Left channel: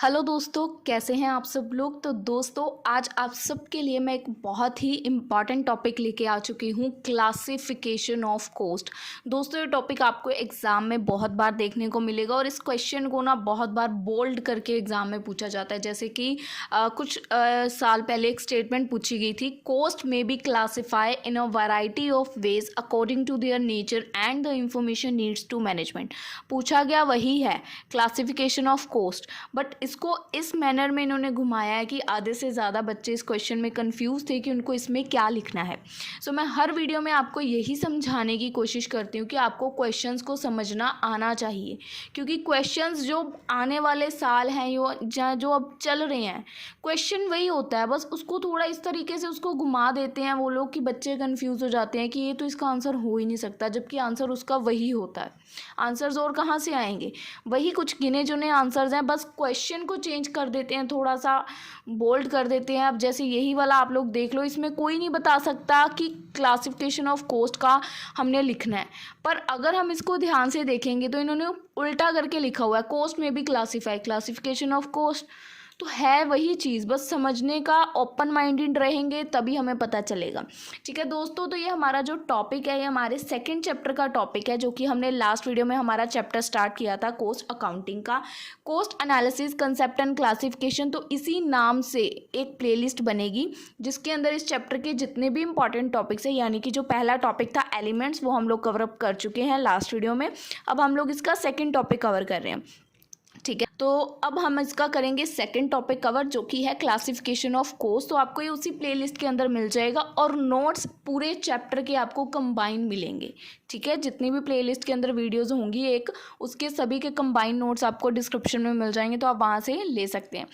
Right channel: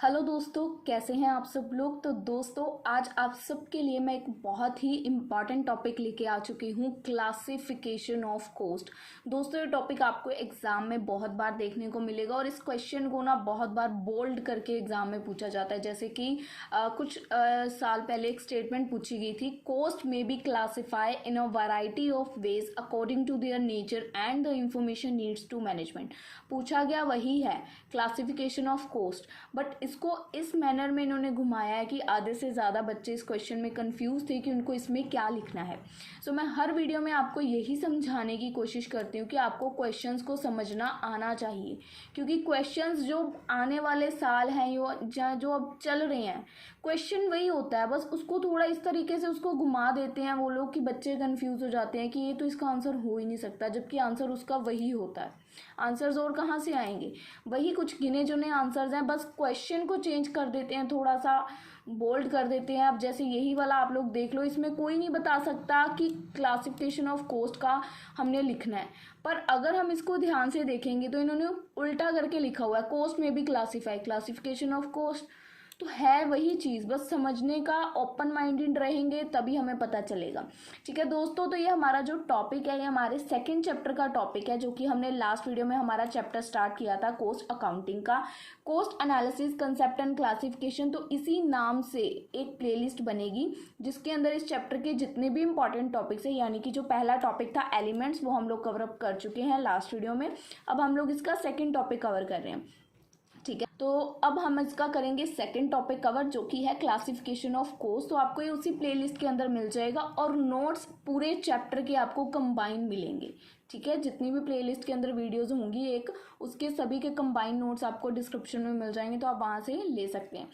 Hello दोस्तों, कैसे हैं आप सब लोग। तो दोस्तों, आज आप सबके लिए मैं एक बहुत ही इम्पॉर्टेंट टॉपिक लेके आ चुकी हूँ, क्लासिफिकेशन ऑफ कोस्ट। दोस्तों, ये टॉपिक आपको एग्ज़ाम में बहुत बार देखने को मिलेगा और इस क्वेश्चन को ना बहुत बार बोल्ड करके एग्ज़ाम में पूछा जाता है। जैसे कि कुछ साल पहले एक स्टेटमेंट पूछी गई थी, कोस्ट में be classify in a variety of ways according to their nature and the information needs to management. पूछा गया वही है, क्लासिफिकेशन ऑफ कोस्ट, बट इसको इस मैनर में इन्होंने घुमाया है कि आधे से ज़्यादा बच्चे इस क्वेश्चन में कंफ्यूज थे कि उनको इसमें क्या लिखना है। सो मैं हर वीडियो में आपको यही समझाने की कोशिश करती हूँ कि आपको क्वेश्चंस को समझना आना चाहिए, क्योंकि क्वेश्चंस जो आने वाले साल हैं जो अब चल रहे हैं, क्वेश्चन वही होता है, बस उसको थोड़ा इस तरीके से उसको घुमा देते हैं वो लोग कि बच्चे कन्फ्यूज़ हो जाते हैं कि ये तो इसका आंसर हो ही नहीं सकता, जबकि आंसर उसका वही होता है। आंसर्स और कहाँ से आएंगे, वही कुछ गिने चुने आंसर्स हैं, बस क्वेश्चन को चेंज कर देते हैं, थोड़ा सा बोल्ड कर देते हैं। अब जैसे यही वाला आप लोग देख लो, इसमें कोई नहीं बता सकता कि क्लासिफिकेशन ऑफ कोस्ट का हमने लिखना है, पर अगर हम इसको ध्यान से देखेंगे तो इन्होंने उल्टा करके लिखा हुआ है, कोस्ट में भी क्लासिफिकेशन ऑफ कोस्ट। तो है वही चीज़, बस समझने का ओपन माइंडेड रहेंगे तभी हमें पता चलेगा। ठीक है दोस्तों, तो ये हमारा जो टॉपिक है, ये हमारे सेकंड चैप्टर का टॉपिक है, जो कि हमने लास्ट वीडियो में हमारा चैप्टर स्टार्ट किया था कोस्ट अकाउंटिंग का, cost analysis concept and classification. तो इसी नाम से एक प्लेलिस्ट बनेगी जिसके अंदर इस चैप्टर के जितने भी इंपॉर्टेंट टॉपिक्स हैं, यानी कि जो पहला टॉपिक था एलिमेंट्स, वो हम लोग कवर अप कर चुके हैं लास्ट वीडियो में। अब हम लोग इसका सेकेंड टॉपिक कवर कर रहे हैं। ठीक है, तो अब हम इसका करेंगे सेकंड टॉपिक कवर, जो कि है क्लासिफिकेशन ऑफ कोस्ट। तो आपको ये उसी प्लेलिस्ट के अंदर मिल जाएगा और नोट्स पूरे चैप्टर के आपको कंबाइन मिलेंगे। ठीक है, जितनी भी प्लेलिस्ट के अंदर वीडियोस होंगी एक, उसके सभी के कंबाइन नोट्स आपको डिस्क्रिप्शन में मिल जाएंगे, तो आप वहाँ से ले सकते हैं।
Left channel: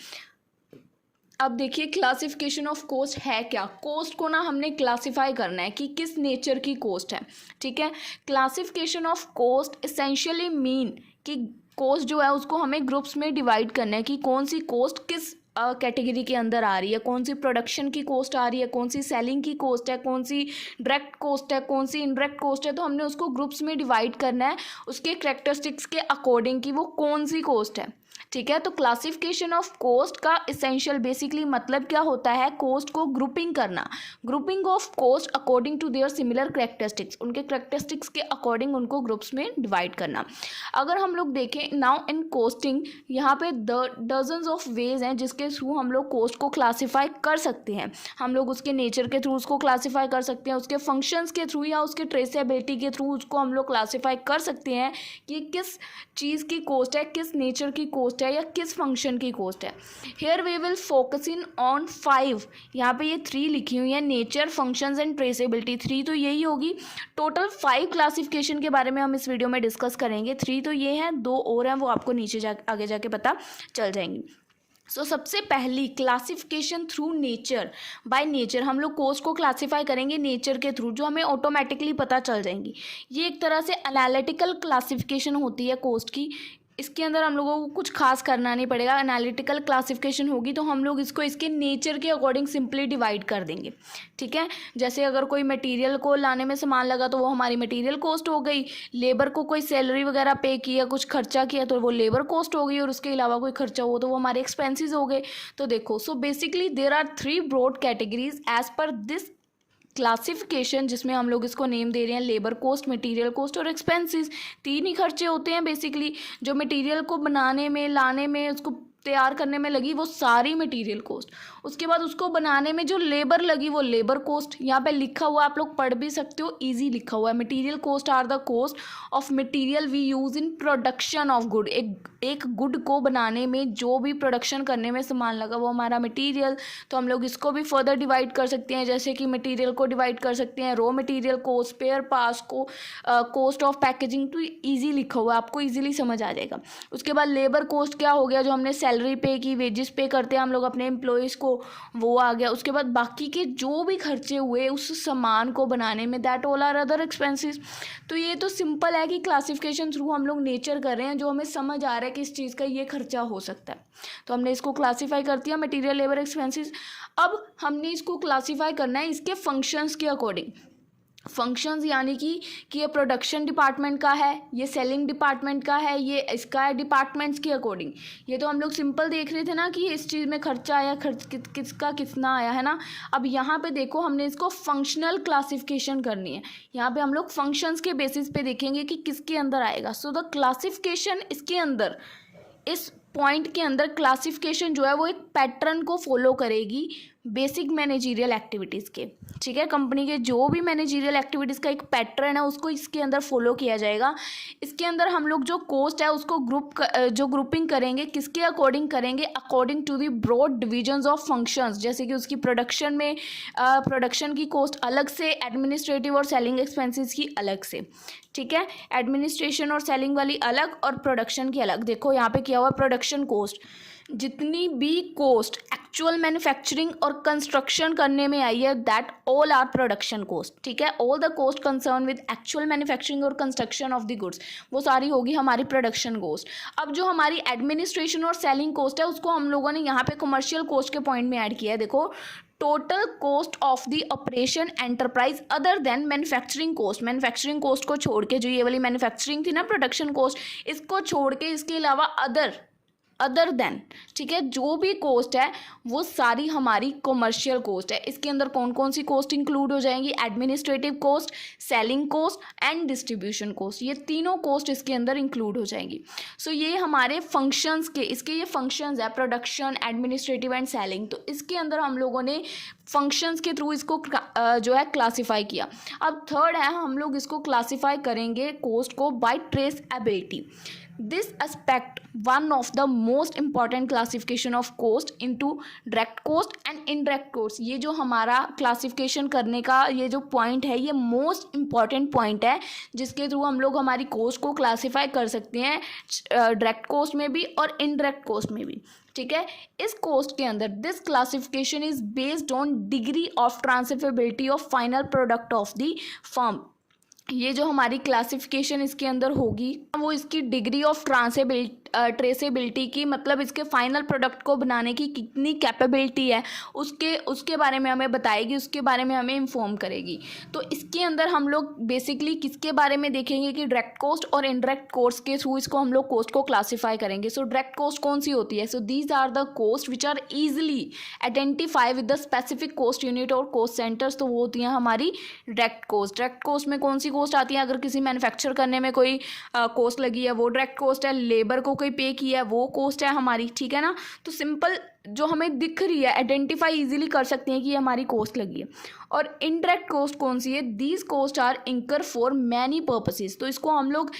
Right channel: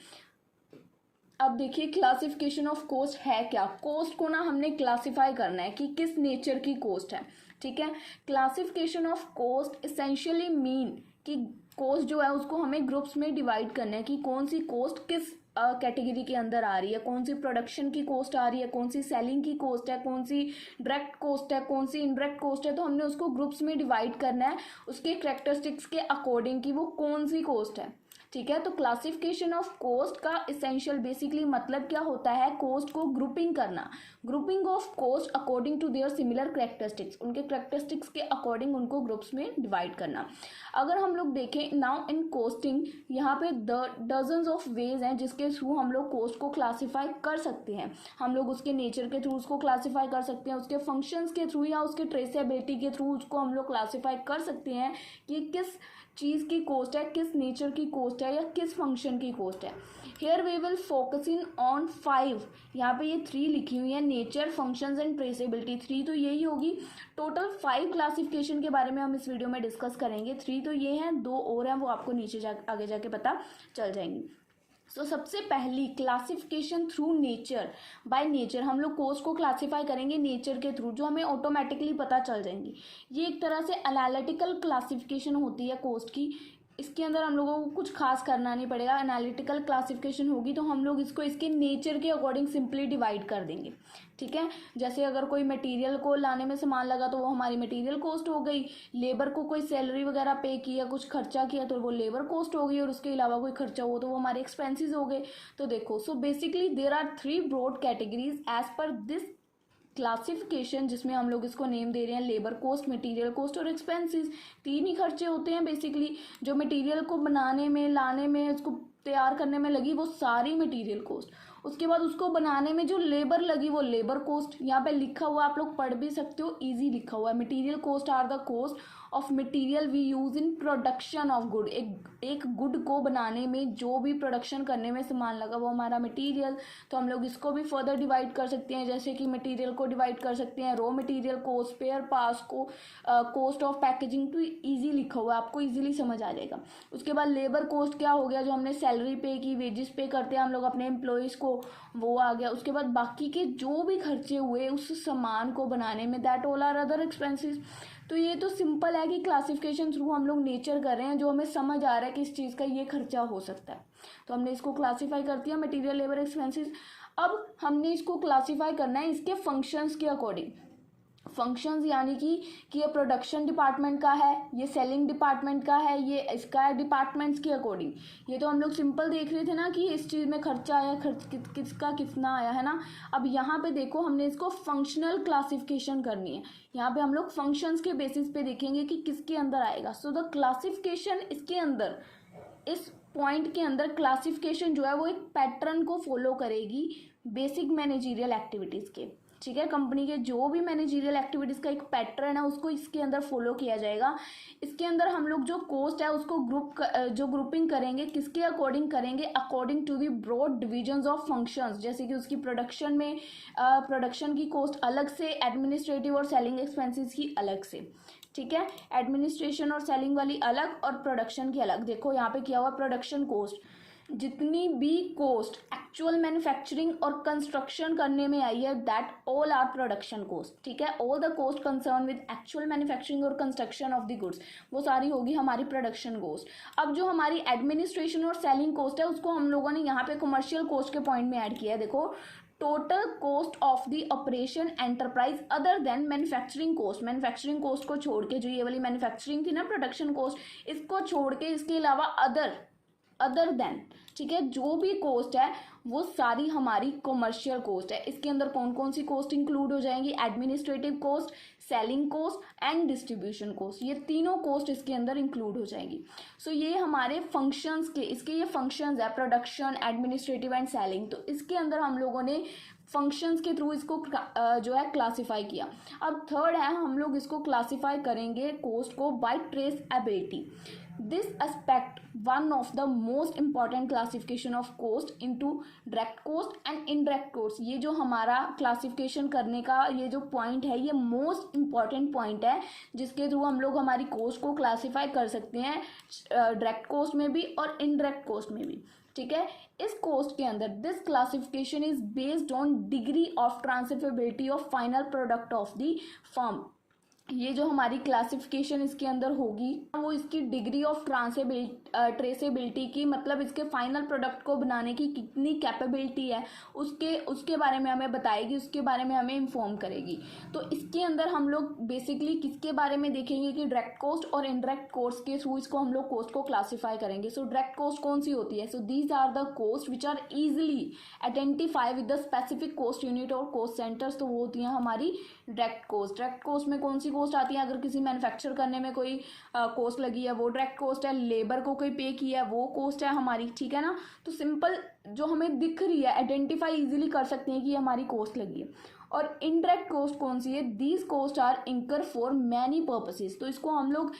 अब देखिए, क्लासिफिकेशन ऑफ कोस्ट है क्या। कोस्ट को ना हमने क्लासिफाई करना है कि किस नेचर की कोस्ट है। ठीक है, classification of cost essentially mean कि कोस्ट जो है उसको हमें ग्रुप्स में डिवाइड करना है कि कौन सी कोस्ट किस कैटेगरी के अंदर आ रही है, कौन सी प्रोडक्शन की कोस्ट आ रही है, कौन सी सेलिंग की कोस्ट है, कौन सी डायरेक्ट कोस्ट है, कौन सी इनडायरेक्ट कोस्ट है। तो हमने उसको ग्रुप्स में डिवाइड करना है उसके कैरेक्टरिस्टिक्स के अकॉर्डिंग कि वो कौन सी कोस्ट है। ठीक है, तो क्लासिफिकेशन ऑफ कोस्ट का इसेंशियल बेसिकली मतलब क्या होता है, कोस्ट को ग्रुपिंग करना, grouping of cost according to their similar characteristics, उनके कैरेक्टरिस्टिक्स के अकॉर्डिंग उनको ग्रुप्स में डिवाइड करना। अगर हम लोग देखें नाउ इन कोस्टिंग, यहाँ पे डजन्स ऑफ वेज हैं जिसके थ्रू हम लोग कोस्ट को क्लासीफाई कर सकते हैं। हम लोग उसके नेचर के थ्रू उसको क्लासीफाई कर सकते हैं, उसके फंक्शंस के थ्रू या उसके ट्रेसेबिलिटी के थ्रू उसको हम लोग क्लासीफाई कर सकते हैं कि किस चीज़ की कोस्ट है, किस नेचर की कोस्ट है या किस फंक्शन की कोस्ट है। Here we will focus in on 5, यहाँ पे ये 3 लिखी हुई है, नेचर, फंक्शंस एंड ट्रेसेबिलिटी। 3 तो यही होगी, टोटल 5 क्लासिफिकेशन के बारे में हम इस वीडियो में डिस्कस करेंगे। 3 तो ये हैं, 2 और हैं, वो आपको आगे जाके पता चल जाएंगी। सबसे पहली classification through nature, by nature हम लोग कोस्ट को क्लासिफाई करेंगे नेचर के थ्रू, जो हमें ऑटोमेटिकली पता चल जाएंगी। ये एक तरह से एनालिटिकल क्लासिफिकेशन होती है कोस्ट की, इसके अंदर हम लोगों को कुछ खास करना नहीं पड़ेगा। एनालिटिकल क्लासिफिकेशन होगी तो हम लोग इसको इसके नेचर के अकॉर्डिंग सिंपली डिवाइड कर देंगे। ठीक है, जैसे अगर कोई मटेरियल को लाने में सामान लगा तो वो हमारी मटेरियल कॉस्ट हो गई, लेबर को कोई सैलरी वगैरह पे किया, कुछ खर्चा किया तो वो लेबर कॉस्ट हो गई, और उसके अलावा कोई खर्चा हो तो वो हमारे एक्सपेंसेस हो गए। तो देखो, so basically there are 3 broad categories as per this classification, जिसमें हम लोग इसको नेम दे रहे हैं लेबर कोस्ट, मटेरियल कोस्ट और एक्सपेंसेस। 3 ही खर्चे होते हैं बेसिकली, जो मटेरियल को बनाने में, लाने में, उसको तैयार करने में लगी वो सारी मटेरियल कोस्ट, उसके बाद उसको बनाने में जो लेबर लगी वो लेबर कोस्ट। यहाँ पे लिखा हुआ आप लोग पढ़ भी सकते हो, इजी लिखा हुआ है, material cost are the cost of material we use in production of good. एक गुड को बनाने में जो भी प्रोडक्शन करने में सामान लगा वो हमारा मटेरियल। तो हम लोग इसको भी फर्दर डिवाइड कर सकते हैं, जैसे कि मटेरियल को डिवाइड कर सकते हैं raw material cost, spare parts को, कोस्ट ऑफ पैकेजिंग। तो ईजी लिखा हुआ है, आपको ईजिली समझ आ जाएगा। उसके बाद लेबर कोस्ट क्या हो गया, जो हमने सैलरी पे की, वेजेस पे करते हैं हम लोग अपने एम्प्लॉयज़ को, वो आ गया। उसके बाद बाकी के जो भी खर्चे हुए उस सामान को बनाने में, that all are other expenses. तो ये तो सिंपल है कि क्लासिफिकेशन थ्रू हम लोग नेचर कर रहे हैं, जो हमें समझ आ रहा है कि इस चीज़ का ये खर्चा हो सकता है, तो हमने इसको क्लासीफाई कर दिया मटेरियल, लेबर, एक्सपेंसेस। अब हमने इसको क्लासीफाई करना है इसके फंक्शंस के अकॉर्डिंग। फंक्शंस यानी कि ये प्रोडक्शन डिपार्टमेंट का है, ये सेलिंग डिपार्टमेंट का है, ये इसका है डिपार्टमेंट्स के अकॉर्डिंग। ये तो हम लोग सिंपल देख रहे थे ना कि इस चीज़ में खर्चा आया, खर्च किसका कितना आया है ना। अब यहाँ पे देखो हमने इसको फंक्शनल क्लासिफिकेशन करनी है। यहाँ पे हम लोग फंक्शंस के बेसिस पे देखेंगे कि किसके अंदर आएगा। सो द क्लासिफिकेशन इसके अंदर, इस पॉइंट के अंदर क्लासिफिकेशन जो है वो एक पैटर्न को फॉलो करेगी बेसिक मैनेजरियल एक्टिविटीज़ के। ठीक है, कंपनी के जो भी मैनेजरियल एक्टिविटीज़ का एक पैटर्न है उसको इसके अंदर फॉलो किया जाएगा। इसके अंदर हम लोग जो कोस्ट है उसको ग्रुपिंग करेंगे, किसके अकॉर्डिंग करेंगे, according to the broad divisions of functions. जैसे कि उसकी प्रोडक्शन में प्रोडक्शन की कोस्ट अलग से, एडमिनिस्ट्रेटिव और सेलिंग एक्सपेंसेस की अलग से। ठीक है, एडमिनिस्ट्रेशन और सेलिंग वाली अलग और प्रोडक्शन की अलग। देखो यहाँ पे किया हुआ प्रोडक्शन कोस्ट, जितनी भी कोस्ट एक्चुअल मैन्युफैक्चरिंग और कंस्ट्रक्शन करने में आई है that all are production cost. ठीक है, all the cost concern with actual manufacturing और कंस्ट्रक्शन ऑफ द गुड्स, वो सारी होगी हमारी प्रोडक्शन कोस्ट। अब जो हमारी एडमिनिस्ट्रेशन और सेलिंग कोस्ट है उसको हम लोगों ने यहाँ पे कमर्शियल कोस्ट के पॉइंट में ऐड किया है। देखो, total cost of the operation enterprise other than manufacturing cost. Manufacturing cost को छोड़ के, जो ये वाली मैन्युफैक्चरिंग थी ना प्रोडक्शन कोस्ट, इसको छोड़ के इसके अलावा अदर देन, ठीक है, जो भी कोस्ट है वो सारी हमारी कमर्शियल कोस्ट है। इसके अंदर कौन कौन सी कोस्ट इंक्लूड हो जाएंगी, administrative cost, selling cost and distribution cost, ये तीनों कोस्ट इसके अंदर इंक्लूड हो जाएंगी। सो ये हमारे फंक्शंस के, इसके ये फंक्शंस है प्रोडक्शन, एडमिनिस्ट्रेटिव एंड सेलिंग। तो इसके अंदर हम लोगों ने फंक्शंस के थ्रू इसको जो है क्लासीफाई किया। अब थर्ड है, हम लोग इसको क्लासीफाई करेंगे कोस्ट को bye ट्रेसएबिलिटी। This aspect one of the most important classification of cost into direct cost and indirect cost। ये जो हमारा क्लासिफिकेशन करने का ये जो पॉइंट है ये मोस्ट इम्पॉर्टेंट पॉइंट है, जिसके थ्रू हम लोग हमारी कोस्ट को क्लासीफाई कर सकते हैं डायरेक्ट कोस्ट में भी और इनडायरेक्ट कोस्ट में भी। ठीक है, इस कोस्ट के अंदर this classification is based on degree of transferability of final product of the firm. ये जो हमारी क्लासिफिकेशन इसके अंदर होगी वो इसकी डिग्री ऑफ ट्रेसेबिलिटी की, मतलब इसके फाइनल प्रोडक्ट को बनाने की कितनी कैपेबिलिटी है उसके बारे में हमें बताएगी, उसके बारे में हमें इन्फॉर्म करेगी। तो इसके अंदर हम लोग बेसिकली किसके बारे में देखेंगे कि डायरेक्ट कोस्ट और इनडायरेक्ट कोस्ट के थ्रू इसको हम लोग कोस्ट को क्लासीफाई करेंगे। सो डायरेक्ट कोस्ट कौन सी होती है, so these are the cost which are easily identify with the specific cost unit और कोस्ट सेंटर्स। तो वो होती हैं हमारी डायरेक्ट कोस्ट। डायरेक्ट कोस्ट में कौन सी कोस्ट आती है, अगर किसी मैन्युफैक्चर करने में कोई कोस्ट लगी है वो डायरेक्ट कोस्ट है, लेबर को कोई पे किया है वो कोस्ट है हमारी। ठीक है ना, तो सिंपल जो हमें दिख रही है, आइडेंटिफाई इजीली कर सकते हैं कि ये हमारी कोस्ट लगी है। और इनडायरेक्ट कोस्ट कौन सी है, दीज कोस्ट आर इंकर फॉर मैनी पर्पसेस। तो इसको हम लोग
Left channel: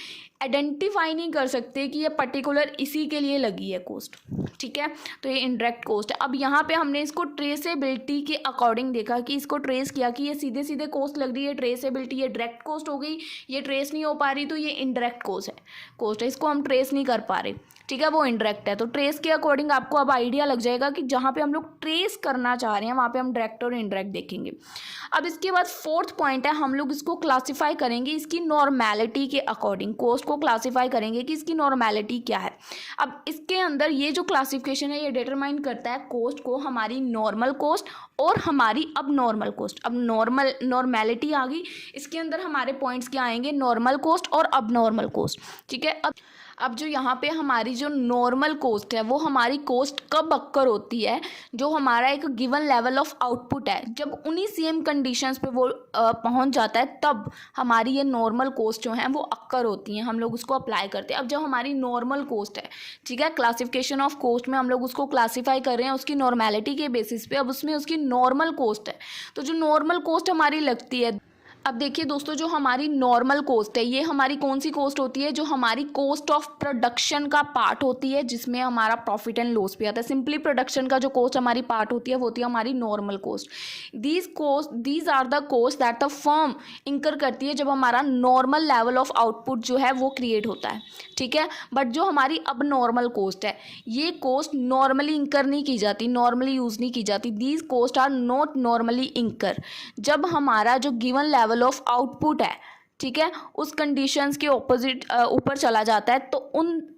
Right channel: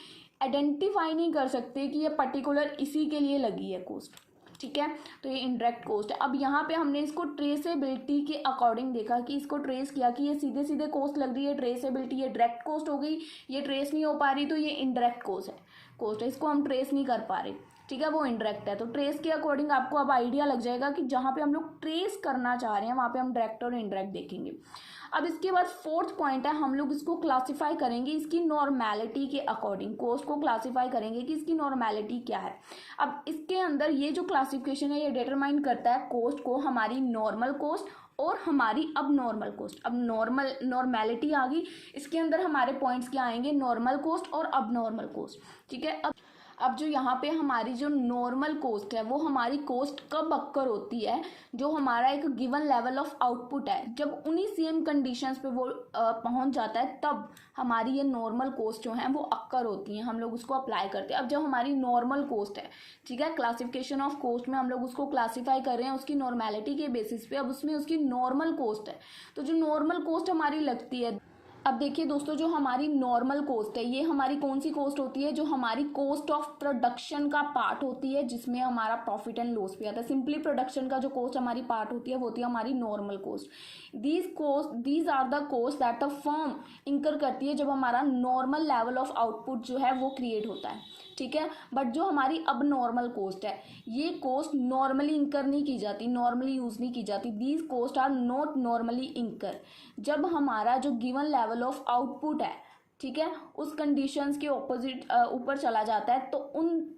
आइडेंटिफाई नहीं कर सकते कि ये पर्टिकुलर इसी के लिए लगी है कोस्ट। ठीक है, तो ये इनडायरेक्ट कोस्ट है। अब यहाँ पे हमने इसको ट्रेसेबिलिटी के अकॉर्डिंग देखा कि इसको ट्रेस किया कि ये सीधे सीधे कोस्ट लग रही है, ट्रेसेबिलिटी ये डायरेक्ट कोस्ट हो गई, ये ट्रेस नहीं हो पा रही तो ये इनडायरेक्ट कोस्ट है, इसको हम ट्रेस नहीं कर पा रहे। ठीक है, वो इनडायरेक्ट है। तो ट्रेस के अकॉर्डिंग आपको अब आइडिया लग जाएगा कि जहाँ पे हम लोग ट्रेस करना चाह रहे हैं वहाँ पे हम डायरेक्ट और इनडायरेक्ट देखेंगे। अब इसके बाद फोर्थ पॉइंट है, हम लोग इसको क्लासीफाई करेंगे इसकी नॉर्मेलिटी के अकॉर्डिंग। कोस्ट को क्लासीफाई करेंगे कि इसकी नॉर्मेलिटी क्या है। अब इसके अंदर ये जो क्लासिफिकेशन है ये डिटरमाइन करता है कोस्ट को, हमारी नॉर्मल कोस्ट और हमारी अब नॉर्मल कोस्ट। अब नॉर्मेलिटी आ गई, इसके अंदर हमारे पॉइंट्स क्या आएंगे, नॉर्मल कोस्ट और अब नॉर्मल कोस्ट। ठीक है, अब जो यहाँ पे हमारी जो नॉर्मल कोस्ट है वो हमारी कोस्ट कब अक्कर होती है, जो हमारा एक गिवन लेवल ऑफ आउटपुट है, जब उन्हीं सेम कंडीशंस पे वो पहुँच जाता है तब हमारी ये नॉर्मल कोस्ट जो हैं वो अक्कर होती हैं, हम लोग उसको अप्लाई करते हैं। अब जब हमारी नॉर्मल कोस्ट है, ठीक है, क्लासिफिकेशन ऑफ कोस्ट में हम लोग उसको क्लासीफाई कर रहे हैं उसकी नॉर्मेलिटी के बेसिस पे। अब उसमें उसकी नॉर्मल कोस्ट है, तो जो नॉर्मल कोस्ट हमारी लगती है, अब देखिए दोस्तों, जो हमारी नॉर्मल कोस्ट है ये हमारी कौन सी कोस्ट होती है, जो हमारी कोस्ट ऑफ प्रोडक्शन का पार्ट होती है, जिसमें हमारा प्रॉफिट एंड लॉस भी आता है। सिंपली प्रोडक्शन का जो कोस्ट हमारी पार्ट होती है वो होती है हमारी normal cost. These are the cost that the firm incur करती है जब हमारा नॉर्मल लेवल ऑफ आउटपुट जो है वो क्रिएट होता है। ठीक है, बट जो हमारी अब नॉर्मल कोस्ट है ये कोस्ट नॉर्मली इंकर नहीं की जाती, नॉर्मली यूज़ नहीं की जाती। These cost are not normally incur जब हमारा जो गिवन लेवल ऑफ आउटपुट है, ठीक है, उस कंडीशंस के ऑपोजिट ऊपर चला जाता है, तो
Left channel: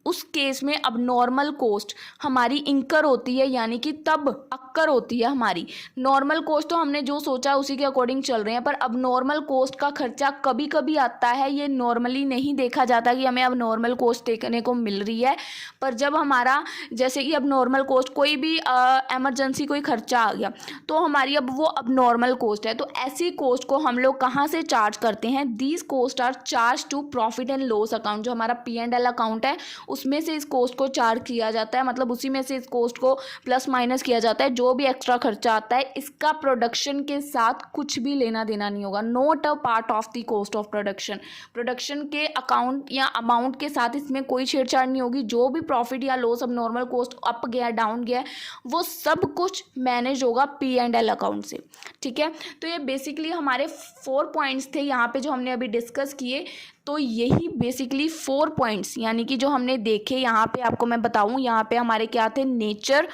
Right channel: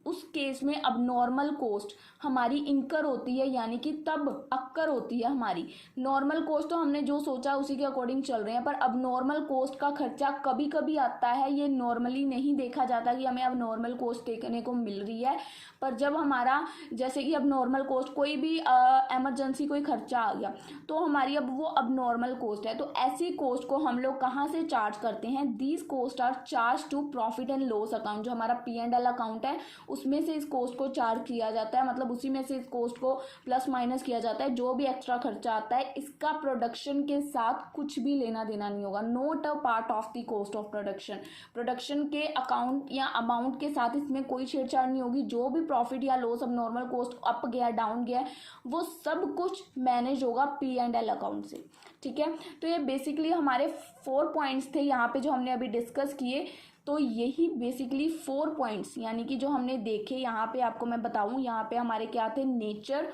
उस केस में अब नॉर्मल कॉस्ट हमारी इंकर होती है, यानी कि तब अक्कर होती है हमारी। नॉर्मल कॉस्ट तो हमने जो सोचा उसी के अकॉर्डिंग चल रहे हैं, पर अब नॉर्मल कॉस्ट का खर्चा कभी कभी आता है, ये नॉर्मली नहीं देखा जाता कि हमें अब नॉर्मल कॉस्ट देखने को मिल रही है। पर जब हमारा जैसे कि अब नॉर्मल कॉस्ट कोई भी एमरजेंसी कोई खर्चा आ गया तो हमारी अब वो अब नॉर्मल कॉस्ट है, तो ऐसी कॉस्ट को हम लोग कहाँ से चार्ज करते हैं? These cost are charge to profit and loss account. जो हमारा P&L अकाउंट है उसमें से इस कॉस्ट को चार्ज किया जाता है, मतलब उसी में से इस कॉस्ट को प्लस माइनस किया जाता है। जो भी एक्स्ट्रा खर्चा आता है इसका प्रोडक्शन के साथ कुछ भी लेना देना नहीं होगा, not a part of the cost of production. Production के अकाउंट या अमाउंट के साथ इसमें कोई छेड़छाड़ नहीं होगी। जो भी प्रॉफिट या लॉस, अब नॉर्मल कॉस्ट अप गया डाउन गया, वो सब कुछ मैनेज होगा P&L अकाउंट से। ठीक है, तो ये बेसिकली हमारे 4 पॉइंट्स थे यहाँ पे जो हमने अभी डिस्कस किए। तो यही बेसिकली 4 पॉइंट्स यानी कि जो हमने देखे यहाँ पे, आपको मैं बताऊँ यहाँ पे हमारे क्या थे? नेचर,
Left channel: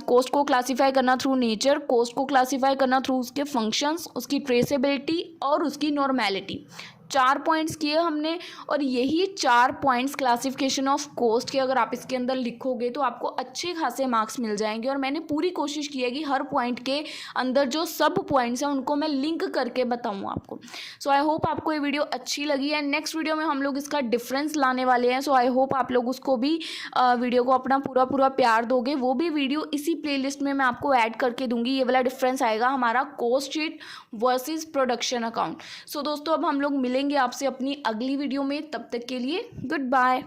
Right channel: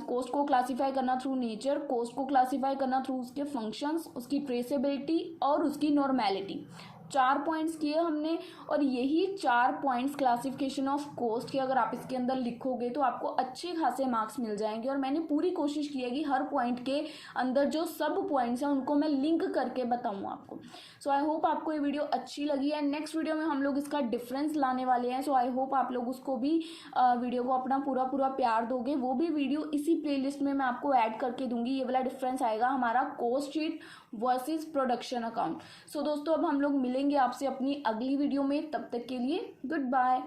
कॉस्ट को क्लासीफाई करना थ्रू नेचर, कॉस्ट को क्लासीफाई करना थ्रू उसके फंक्शंस, उसकी ट्रेसेबिलिटी और उसकी नॉर्मेलिटी। 4 पॉइंट्स किए हमने, और यही 4 पॉइंट्स क्लासिफिकेशन ऑफ कॉस्ट के अगर आप इसके अंदर लिखोगे तो आपको अच्छे खासे मार्क्स मिल जाएंगे। और मैंने पूरी कोशिश की है कि हर पॉइंट के अंदर जो सब पॉइंट्स हैं उनको मैं लिंक करके बताऊँ आपको। सो आई होप आपको ये वीडियो अच्छी लगी है। नेक्स्ट वीडियो में हम लोग इसका डिफरेंस लाने वाले हैं, सो आई होप आप लोग उसको भी वीडियो को अपना पूरा प्यार दोगे। वो भी वीडियो इसी प्लेलिस्ट में मैं आपको ऐड करके दूंगी। ये वाला डिफरेंस आएगा हमारा cost sheet versus production account. So दोस्तों अब हम लोग मिलेंगे आपसे अपनी अगली वीडियो में, तब तक के लिए गुड बाय।